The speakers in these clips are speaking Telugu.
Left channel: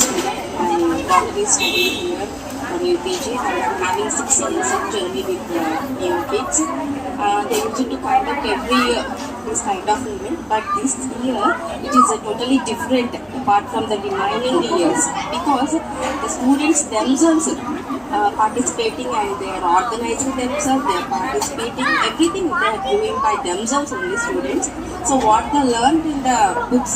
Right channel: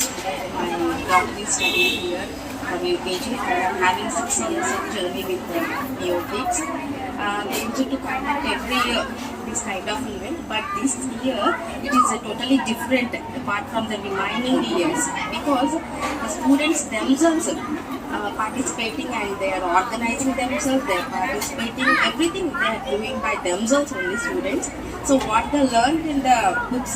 student. My daughter is studying here from UKG. I am having 6 years of journey with new kids. They usually conduct every year this kind of event, but this year it is totally different apart from the remaining years because the students themselves participating and they are organizing themselves, they are participating, everything they are doing by themselves only students. So what they learned in the books,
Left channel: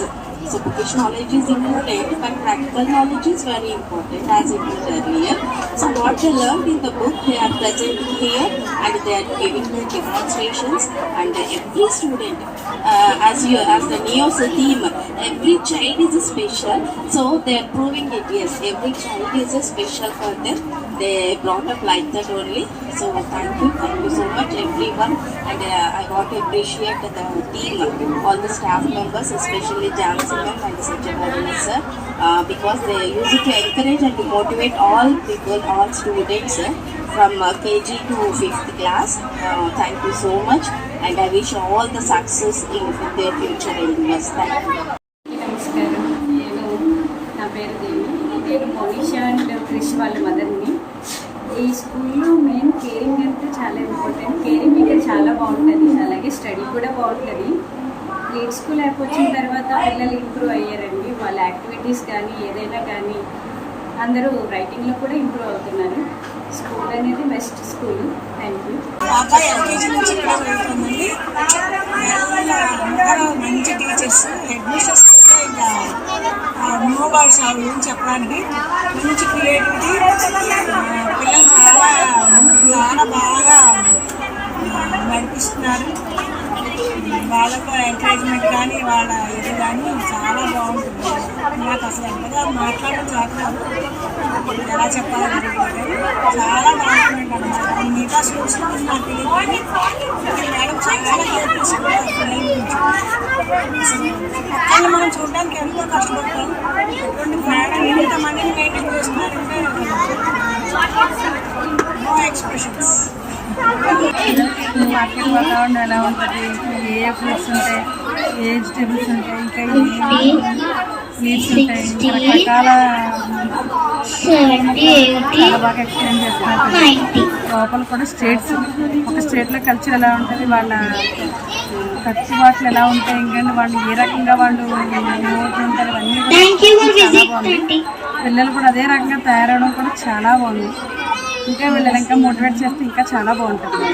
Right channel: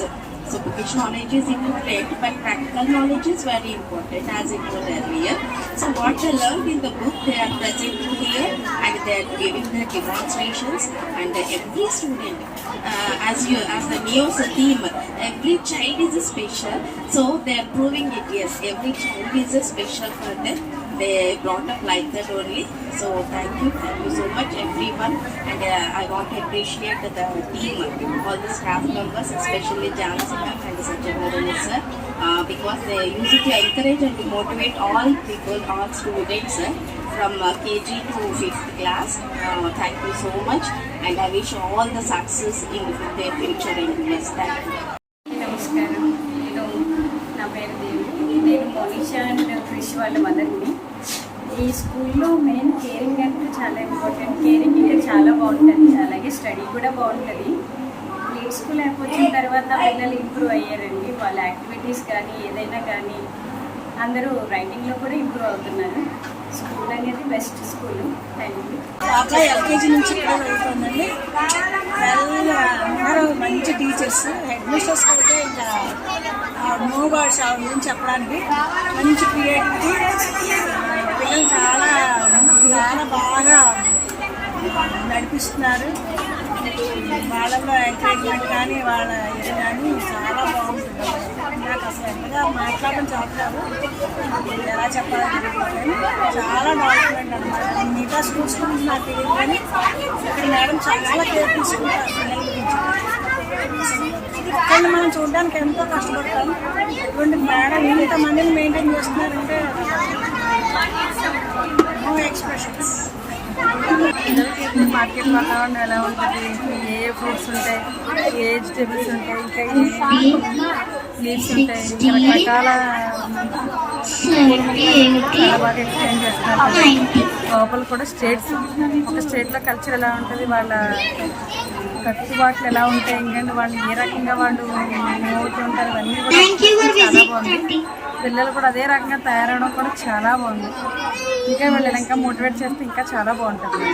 so bookish knowledge is important, but practical knowledge is very important as it was earlier. So what they learned in the book, they are presenting here and they are giving their demonstrations. And every student, as the NEO's theme, every child is special. So they are proving it. Yes, every child is special for them. They brought up like that only. So thank you so much everyone. And I want to appreciate the team, all the staff members, especially Jansi ma'am and Satyabharani sir, because they use it to encourage and to motivate all people, all students from KG to 5th class. Thank you so much, and I wish all the success in their future endeavors. Thank you. నమస్కారం. నా పేరు దేవి. నేను మోనిషా అండ్ క్రిష్ వాళ్ళ మదర్ని. ఈ స్కూల్లో మెయిన్ కేరింగ్ అంటే చాలా ఇంపార్టెంట్. కేరింగ్ ఇక్కడ చాలా బాగుంటుంది, అలాగే స్టడీ కూడా బాగుంటుంది. ప్లే స్కూల్ వచ్చిన తర్వాత పిల్లలు ఇంప్రూవ్ అయ్యారండి. వాళ్ళ యాక్టివిటీస్ కానీ ఏదైనా కానీ అందరూ రైటింగ్లో కూడా ఇంప్రూవ్ అవుతున్నారు. స్కూల్ అనేది best school. Thank you. LKG నుంచి ఇక్కడ వెళ్తుందండి. అందరూ మంచి టీచర్స్, హెడ్ మిస్టర్స్ కూడా ఇంకా న్యూ వర్డ్స్ గురించి చెప్పడానికి మంచి క్రియేటివిటీ. పిల్లలు చాలా బాగా నడిపిస్తున్నారు. వాళ్ళకు ఎంకరేజ్మెంట్ కానీ వాళ్ళ ఇది కానీ చాలా బాగుంటుంది. నాకు అసలు ఎంతగా మాట్లాడడం చాలు, ఎలా చెప్పాలని కానీ చాలా బాగుంటుందండి అన్నమాట. మిగతా స్కూల్స్ గురించి నాకు తెలియదు కానీ ఇక్కడ మేడం చాలా కేర్ తీసుకుంటారు పిల్లల గురించి. అక్కడ మనం చూడడానికి ఎంతో కష్టపడతాం. అటువంటి మేడం ఇంతమందిని మెయింటైన్ చేస్తున్నారంటే నో ఎక్స్ప్రెషన్స్. మార్కెట్ వాతావరణం ఎలా ఉంటుంది, ఏ ఫ్రూట్స్ ఉంటాయి, ఏ వెజిటేబుల్స్ ఉంటాయి, ఇంకా లీవ్స్ ఉంటాయి, రకరకాల చాలా బాగా ఎక్స్ప్లెయిన్ చేస్తున్నారు. లోపల కూడా స్టేట్స్, ఒక స్టేట్లో కల్చర్ ఎలా ఉంటుంది, వాళ్ళ కట్టుబాట్లు ఎలా ఉంటాయి, ఇంకా వాళ్ళు ఏ రకంగా వాళ్ళు ఉంటారు, అన్నీ చాలా బాగుంది. పిల్లలు కూడా అదే రకంగా తయారవడం కూడా చాలా బాగుంది. ఇంకా వీళ్ళు ఇంకా మోటివేట్ చేస్తే ఇంకా చాలా బాగుంటుంది.